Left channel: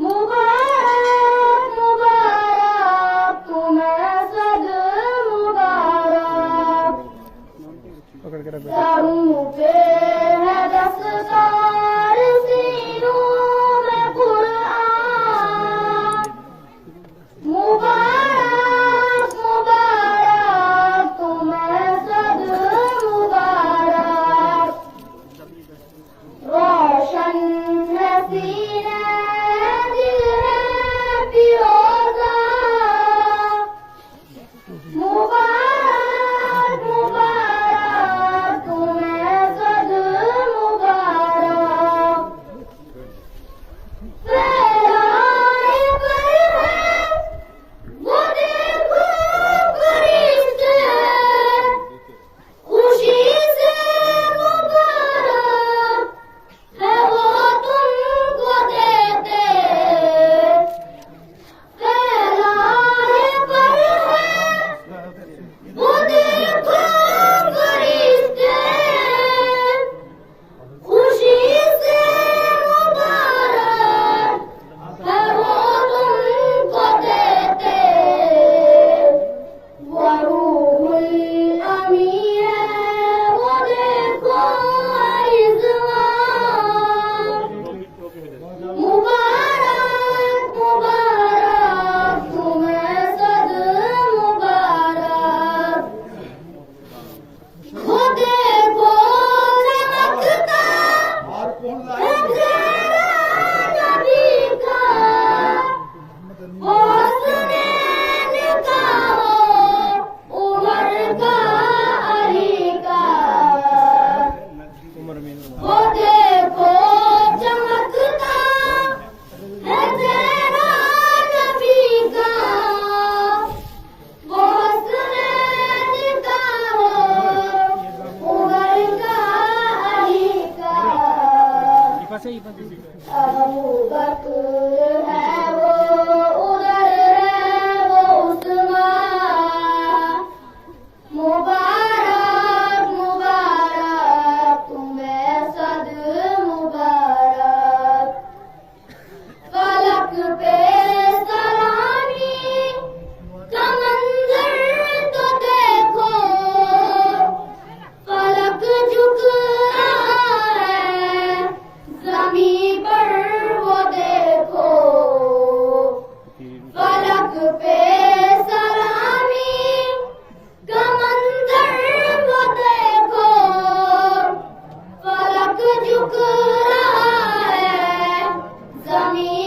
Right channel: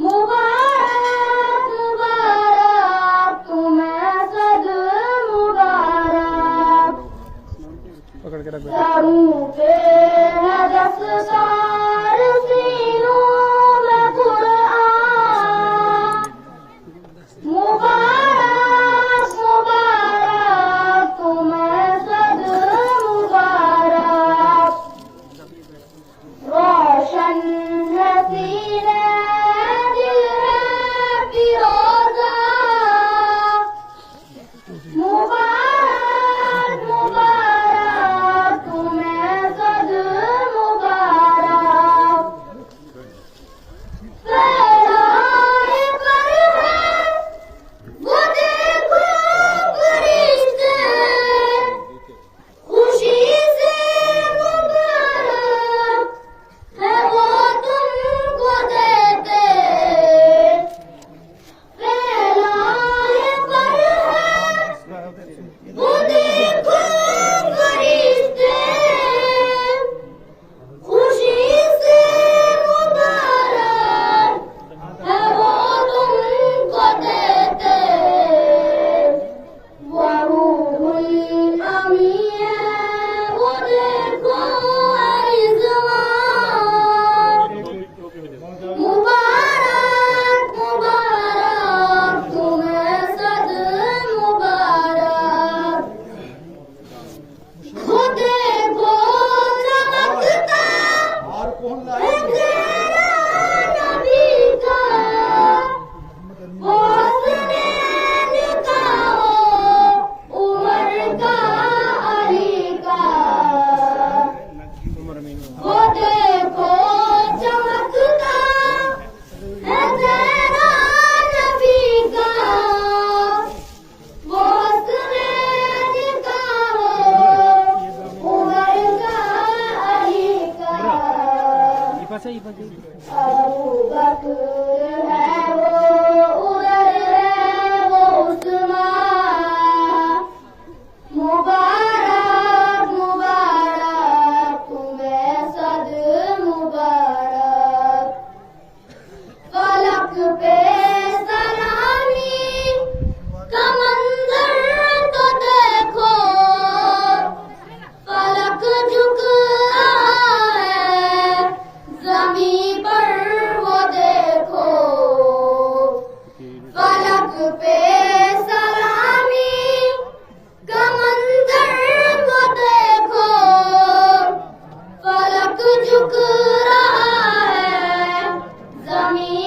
मुबारक मुबारक तुम्हें सद मुबारक। पकड़ के रख सरों पे है दस्तकार सीनों में कुरान। मुबारक मुबारक तुम्हें सद मुबारक। रोशन है सीने दिल है फिरोजा। मुबारक मुबारक तुम्हें सद मुबारक। फैलाए पर है वो देखो फरिश्ते, खुशी से मुबारक है वो तुमको देते। फैलाए पर है वो देखो फरिश्ते, खुशी से मुबारक है वो तुमको देते। वो रूहुल अमी है वो देखो रिज़वान। मुबारक मुबारक तुम्हें सद मुबारक। वो देखो चमकता है चेहरा नबी का, हुस्ने निगाहों उमर का अली का। वो देखो चमकता है चेहरा नबी का, हुस्ने निगाहों उमर का अली का। अबू बकर है वो उमर है वो उस्मान। मुबारक मुबारक तुम्हें सद मुबारक। फलक पे सलामी का मंजर तो देखो, फलक झुक रहा है ज़मीं पर वो देखो। फलक पे सलामी का मंजर वो देखो, फलक झुक रहा है ज़मीं